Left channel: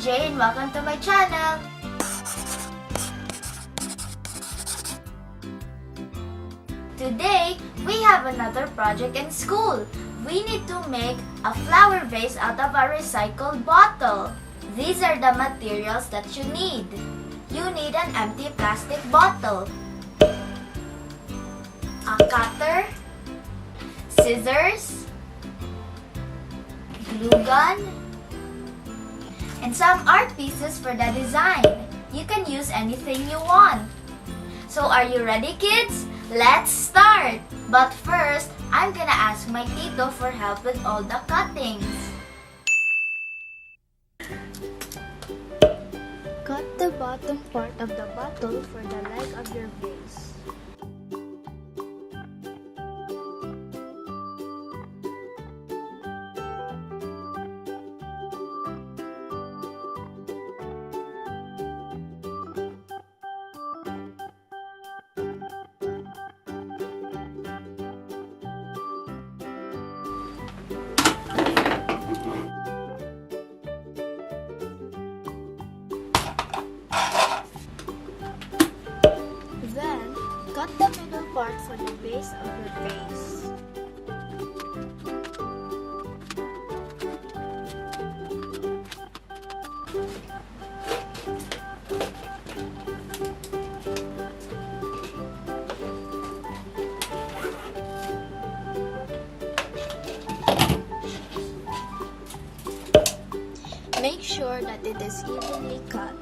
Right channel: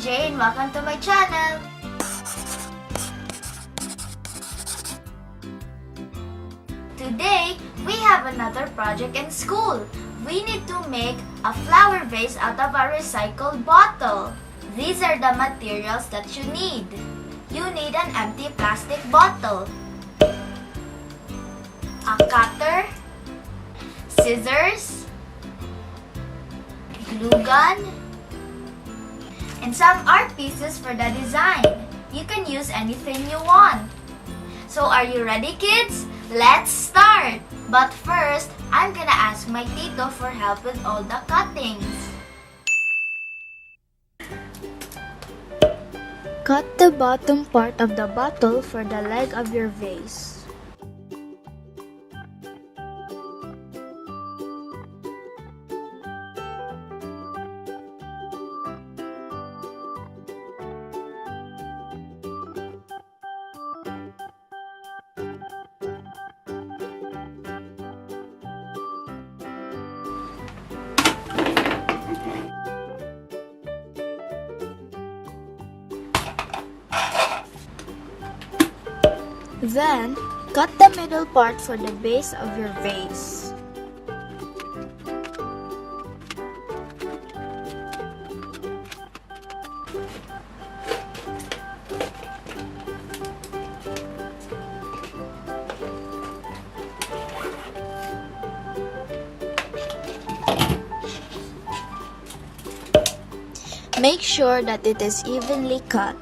Jay and welcome to my channel! Today, we have another project in school. We need to make a flower vase out of a recycled bottle. These are the materials that you need. You need an empty plastic bottle, a cutter, scissors, glue gun, and some art pieces for the design. You can use anything you want. So are you ready, kids? Let's start! But first, I'm gonna ask my tito for help with all the cuttings. Cut the bottom part of the bottle for the leg of your vase. Then, cut the middle part for the base of your vase. Make sure that it is evenly cut.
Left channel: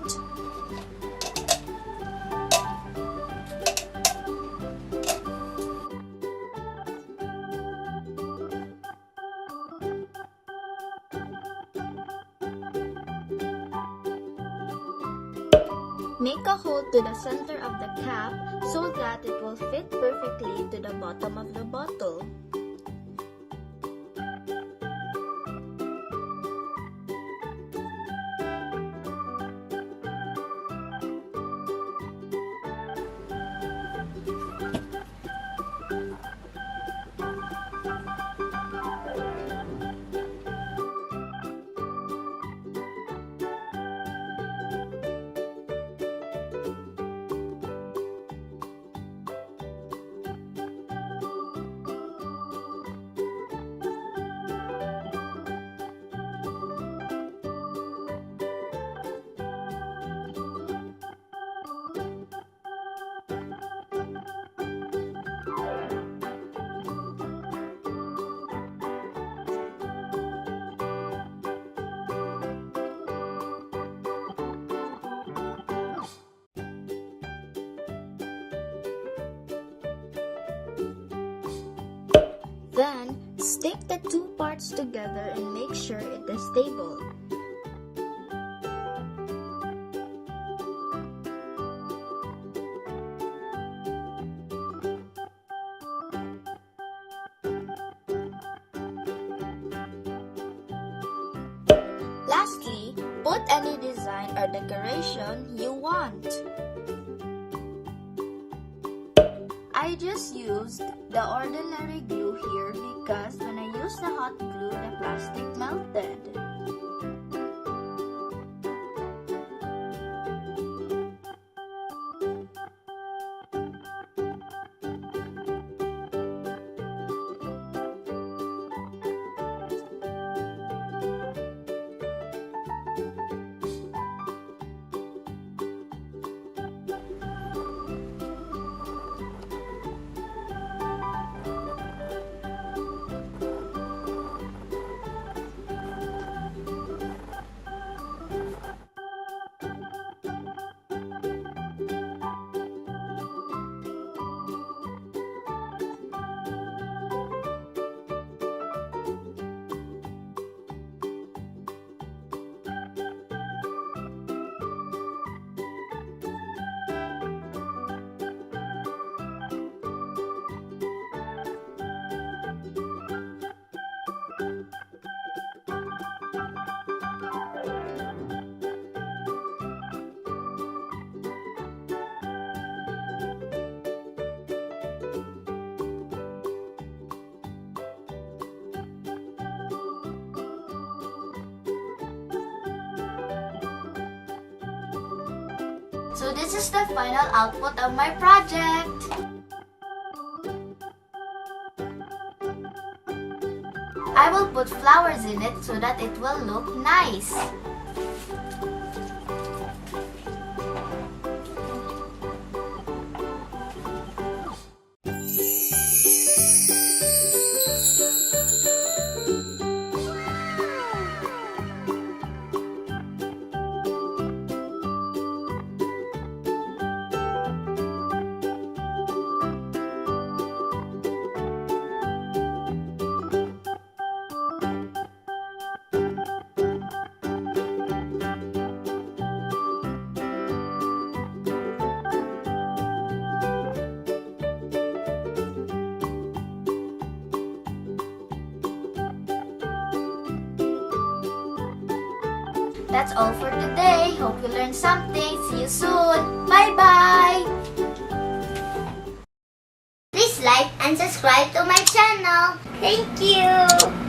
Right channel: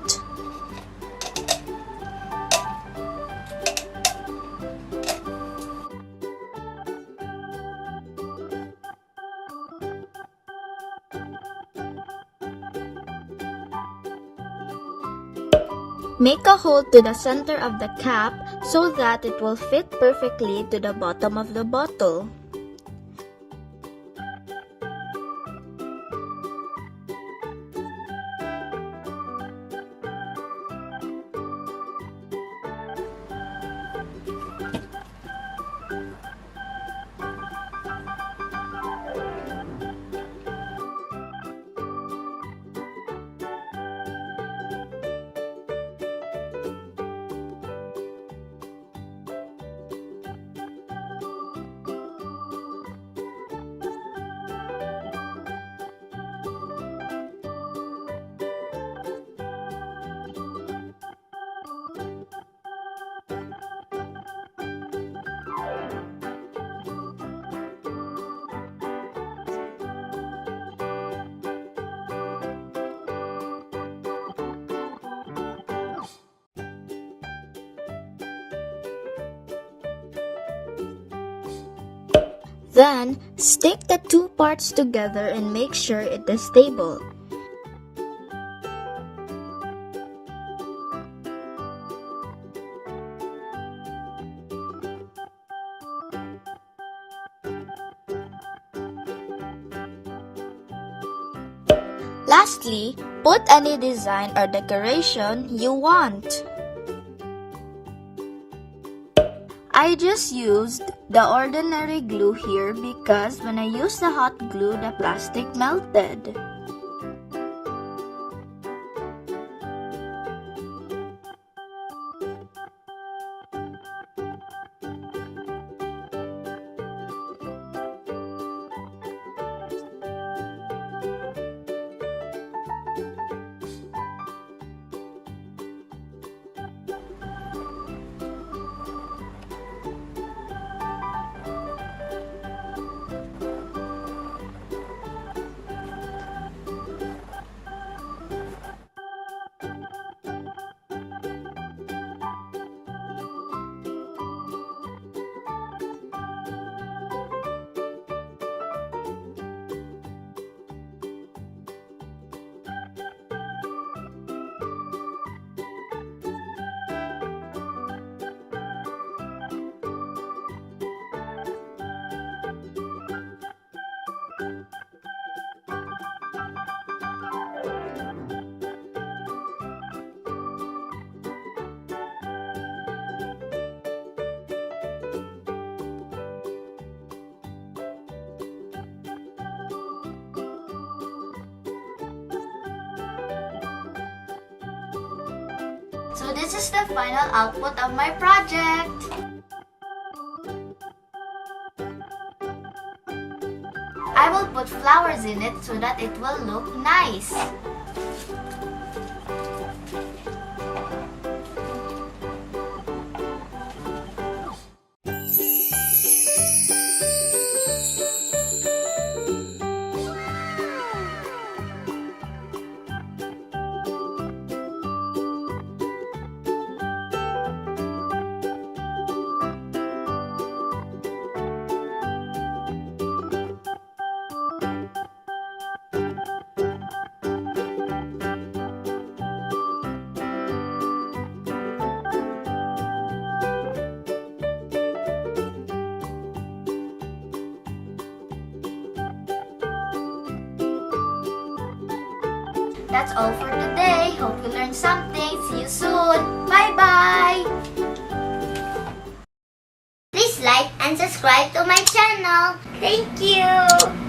Make a hole to the center of the cap so that it will fit perfectly to the bottom of the bottle. Then, stick the two parts together and make sure it is stable. Lastly, put any design or decoration you want. I just used the ordinary glue here because when I used the hot glue, the plastic melted. So this is the final output of my project. I will put flowers in it so that it will look nice. That's all for today. Hope you learned something. See you soon. Bye-bye. Please like and subscribe to my channel. Thank you.